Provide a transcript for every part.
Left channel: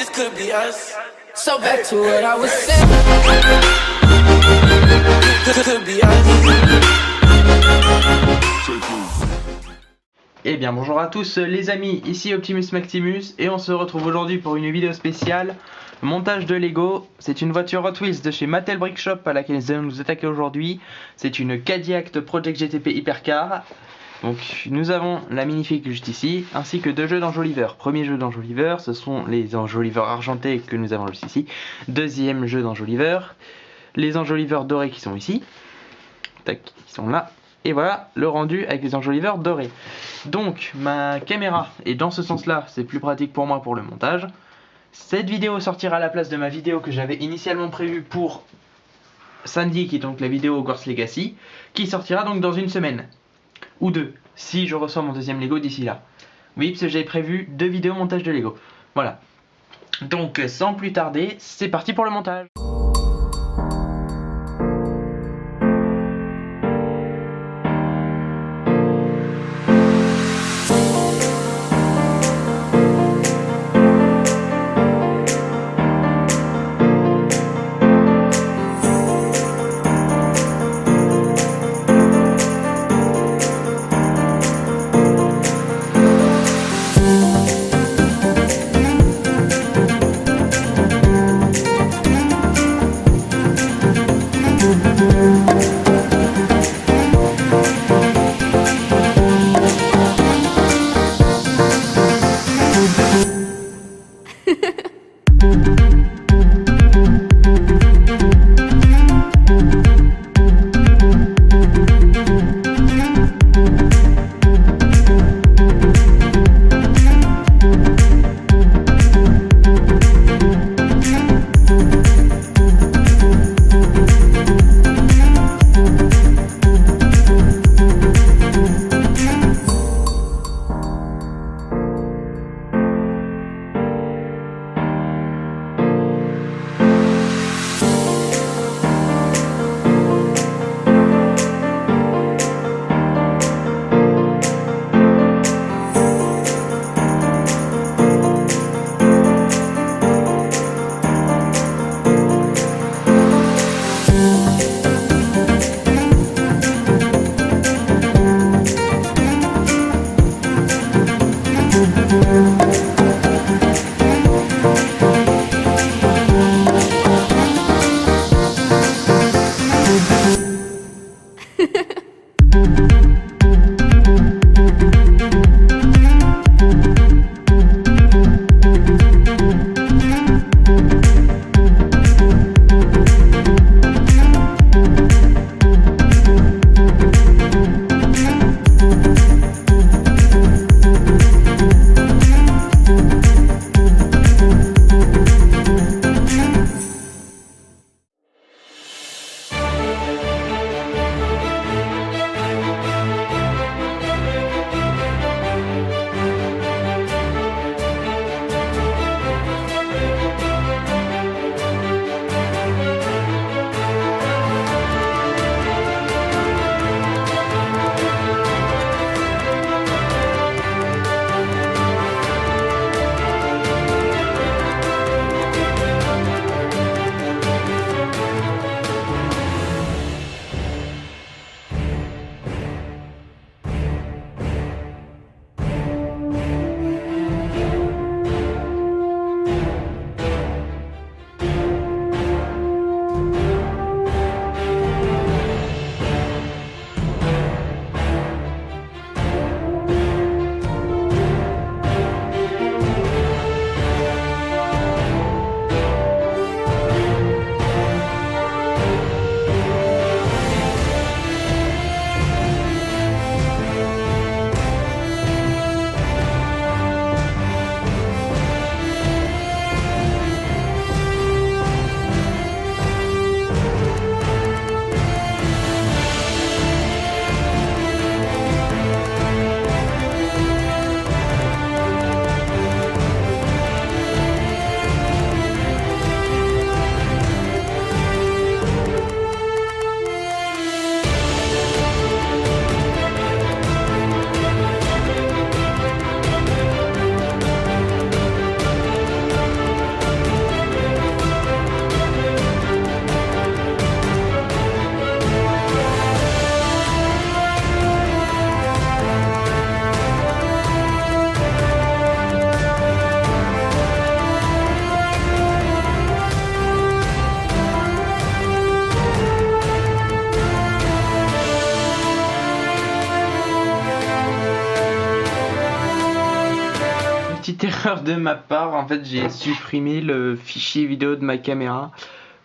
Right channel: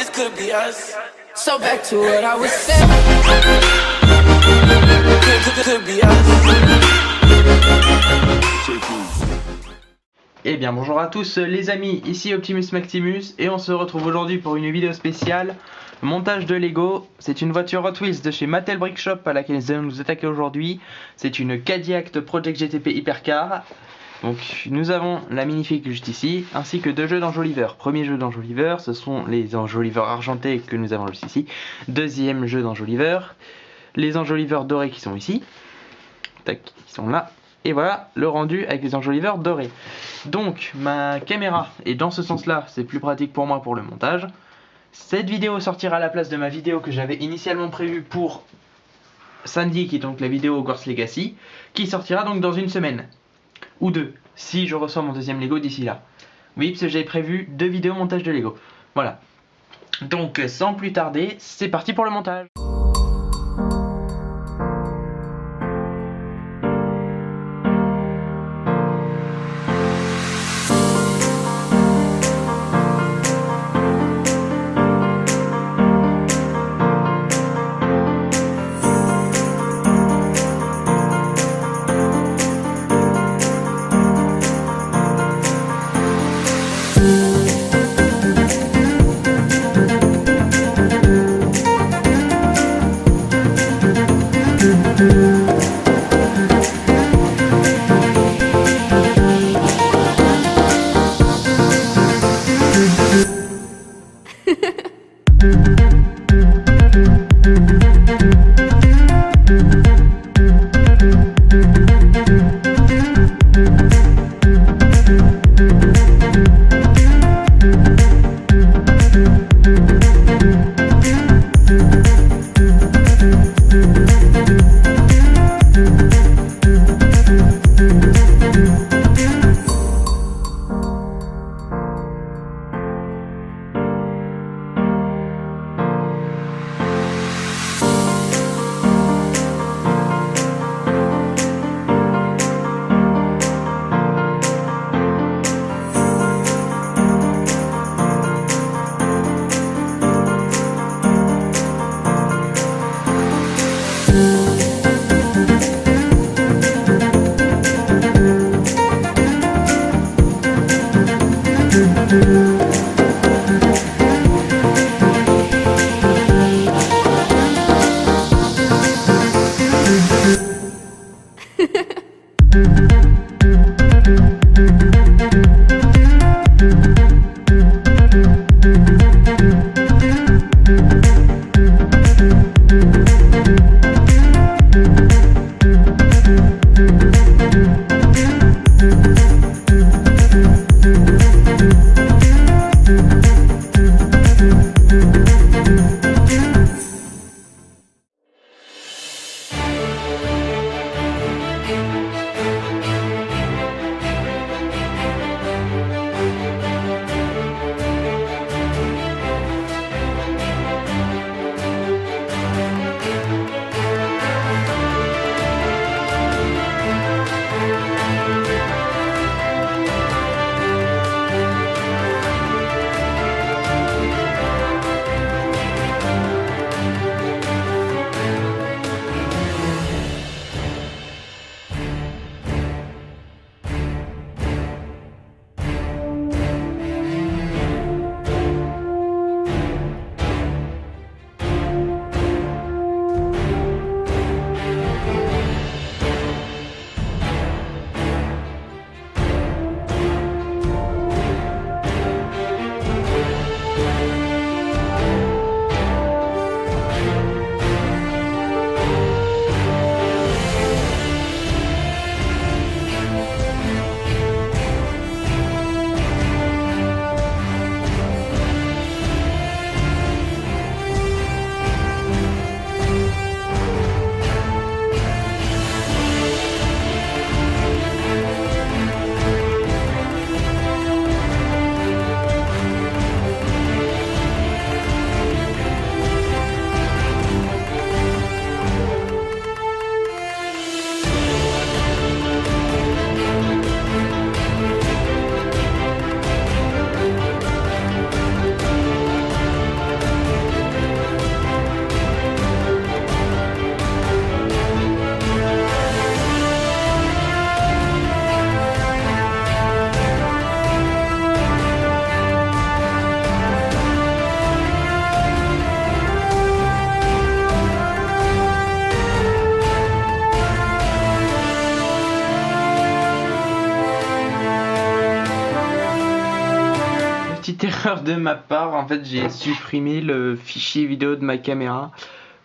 this could be us. So back to what I was saying. Could be us. Eh bien bonjour à tous les amis, ici Optimus Maximus et on se retrouve aujourd'hui pour une vidéo spéciale montage de Lego. C'est une voiture Hot Wheels de chez Mattel Brick Shop à laquelle nous allons nous attaquer aujourd'hui. C'est une Cadillac Project GTP Hypercar. Donc nous avons la minifig juste ici, ainsi que deux jeux d'enjoliveurs. Premier jeu d'enjoliveurs, ce sont les enjoliveurs argentés que nous avons juste ici. Deuxième jeu d'enjoliveurs, les enjoliveurs dorés qui sont ici. Tac, ils sont là. Et voilà le rendu avec les enjoliveurs dorés. Donc ma caméra est dans ce sens là, c'est plus pratique pour moi pour le montage. Cette vidéo sortira à la place de ma vidéo que j'avais initialement prévue pour samedi, qui est donc la vidéo Hogwarts Legacy, qui sortira donc dans une semaine. Ou deux, si je reçois mon deuxième Lego d'ici là. Oui, parce que j'avais prévu 2 vidéos montage de Lego. Voilà. Donc sans plus tarder, c'est parti pour le montage. erreur de ma part, en fait j'ai supprimé le fichier vidéo de ma caméra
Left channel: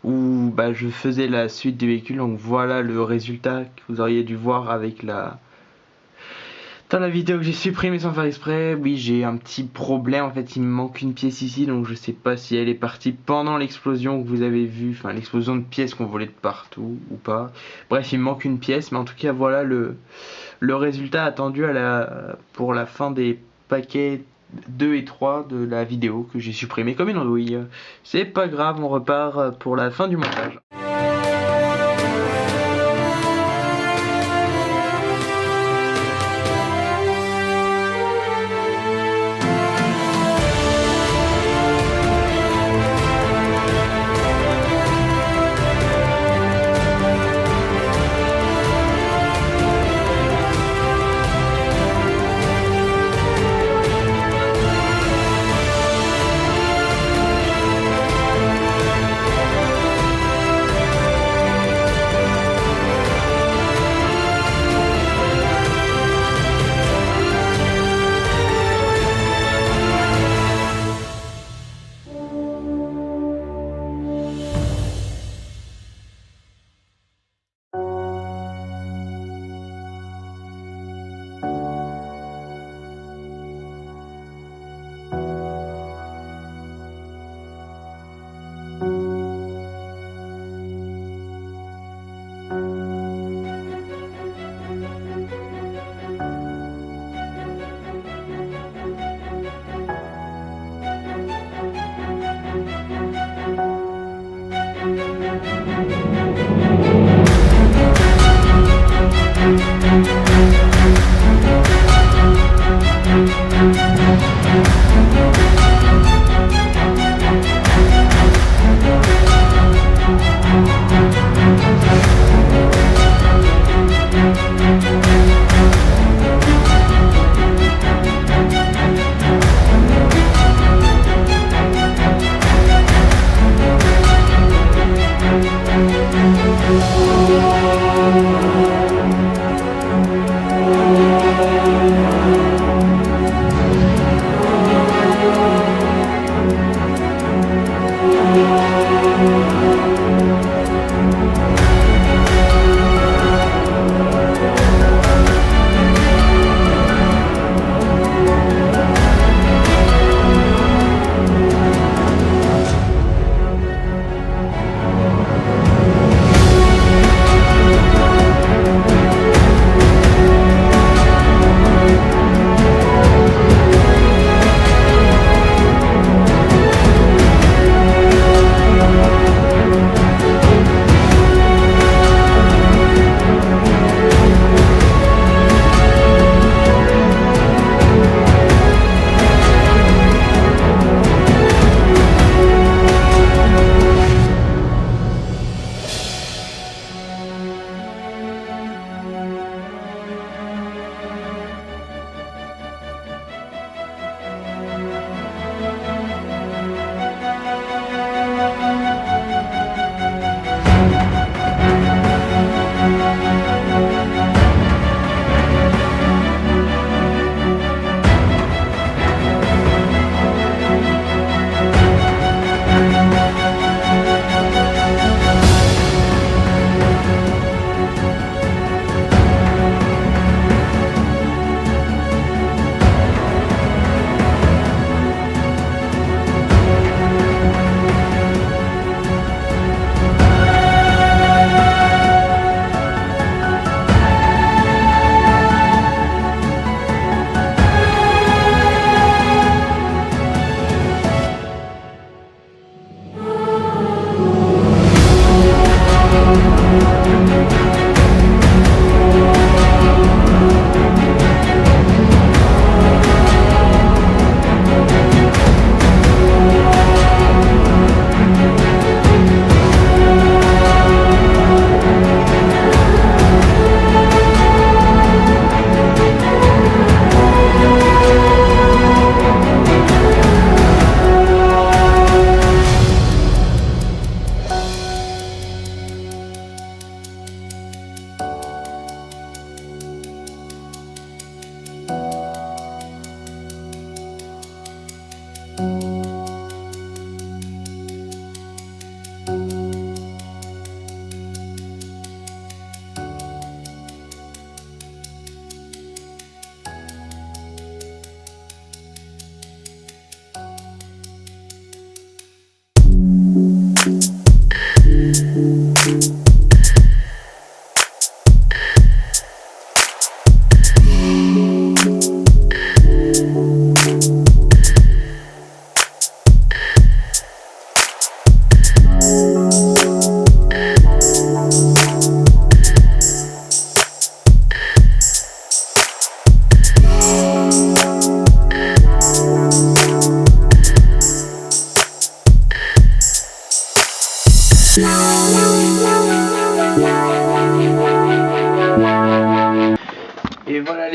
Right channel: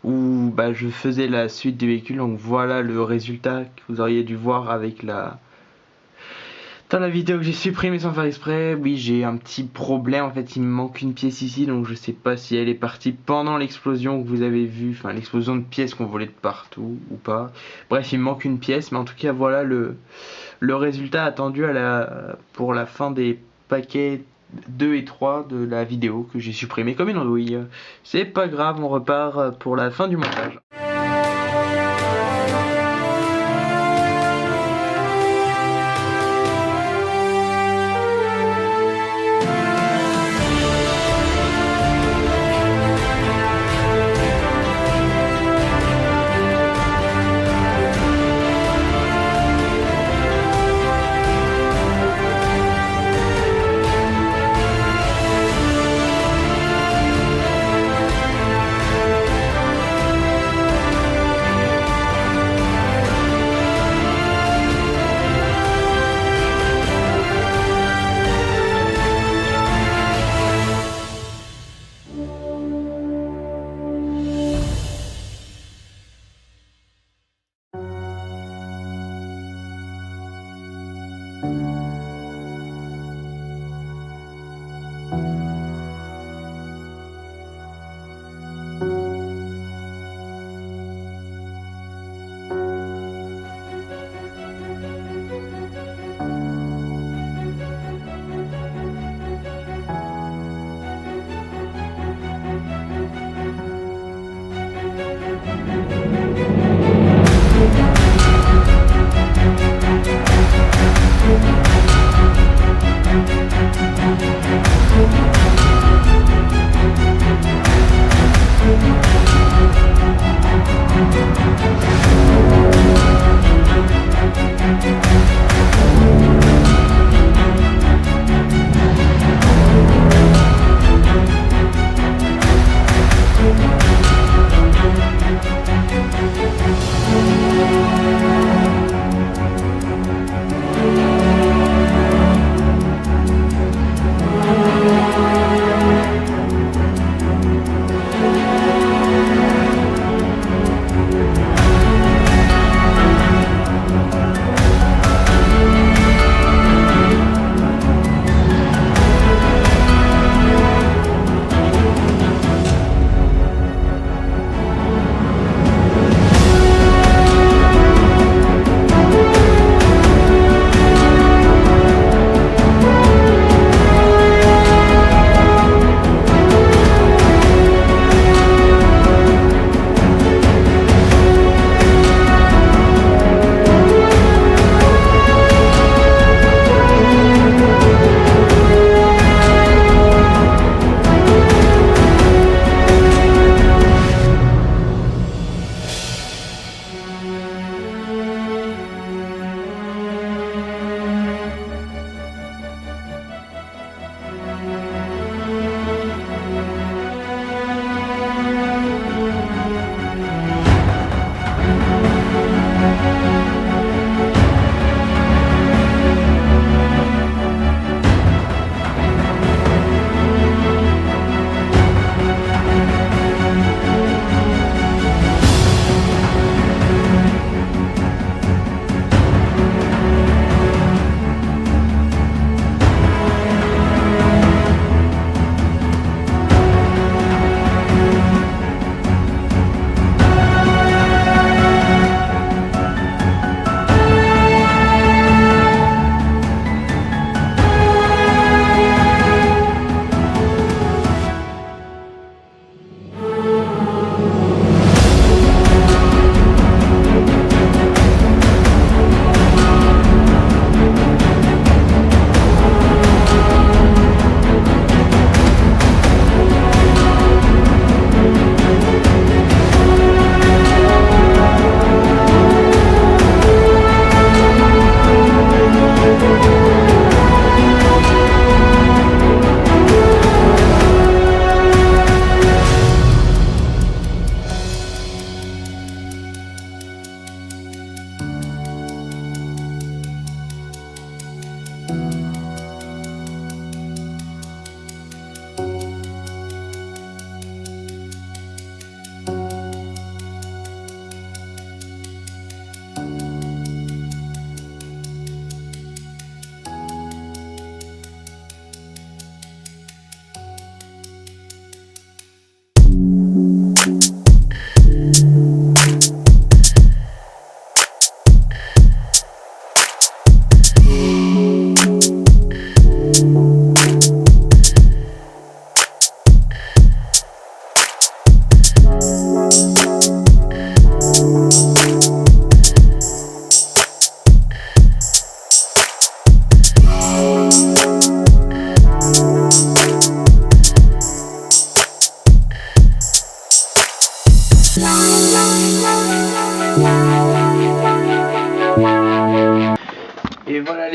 où je faisais la suite du véhicule, donc voilà le résultat que vous auriez dû voir avec dans la vidéo que j'ai supprimée sans faire exprès. Oui, j'ai un petit problème, en fait il me manque une pièce ici, donc je sais pas si elle est partie pendant l'explosion que vous avez vue, enfin l'explosion de pièces qu'on volait de partout ou pas. Bref, il me manque une pièce, mais en tout cas voilà le résultat attendu pour la fin des paquets 2 et 3 de la vidéo que j'ai supprimé comme une andouille. C'est pas grave, on repart pour la fin du montage.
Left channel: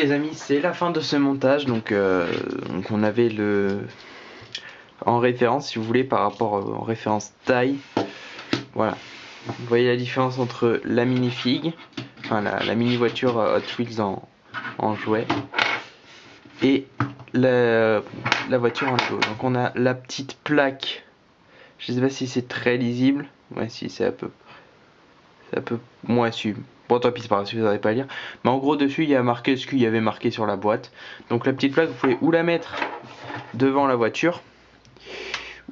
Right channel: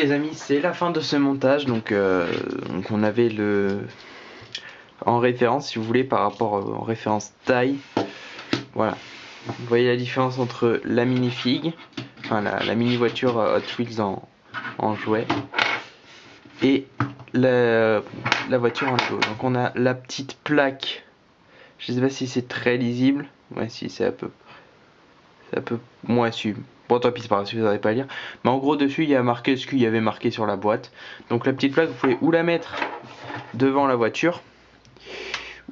les amis, c'est la fin de ce montage. Donc on avait le en référence, si vous voulez, par rapport en référence taille. Voilà. Vous voyez la différence entre la minifig, enfin la mini voiture Hot Wheels en jouet, et la voiture en Lego. Donc on a la petite plaque. Je sais pas si c'est très lisible. Ouais, si, c'est un peu moins su. Bon, tant pis, c'est pas grave si vous n'arrivez pas à lire. Mais en gros, dessus, il y a marqué ce qu'il y avait marqué sur la boîte. Donc la petite plaque, vous pouvez ou la mettre devant la voiture,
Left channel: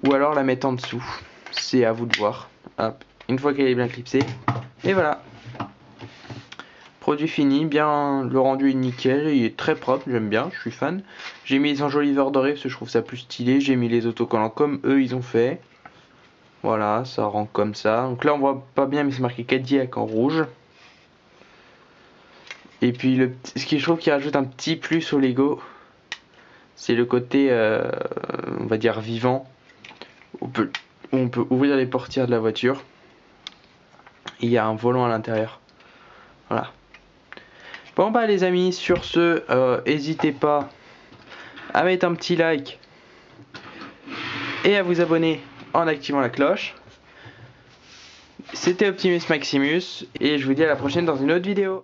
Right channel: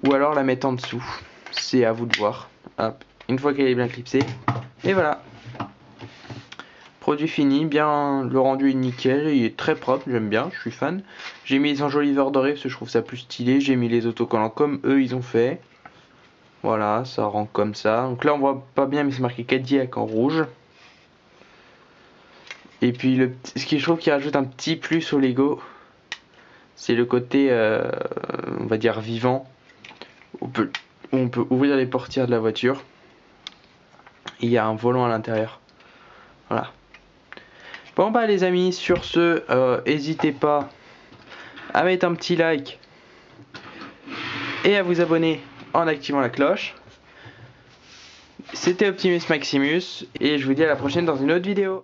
ou alors la mettre en dessous. C'est à vous de voir. Hop. Une fois qu'elle est bien clipsée. Et voilà. Produit fini, bien, le rendu est nickel, il est très propre, j'aime bien, je suis fan. J'ai mis les enjoliveurs dorés parce que je trouve ça plus stylé, j'ai mis les autocollants comme eux ils ont fait. Voilà, ça rend comme ça. Donc là on voit pas bien mais c'est marqué Cadillac en rouge. Et puis ce qui je trouve qui rajoute un petit plus au Lego, c'est le côté, on va dire vivant, où on peut ouvrir les portières de la voiture. Et il y a un volant à l'intérieur. Voilà. Bon bah les amis, sur ce, n'hésitez pas à mettre un petit like et à vous abonner en activant la cloche. C'était Optimus Maximus et je vous dis à la prochaine dans une autre vidéo.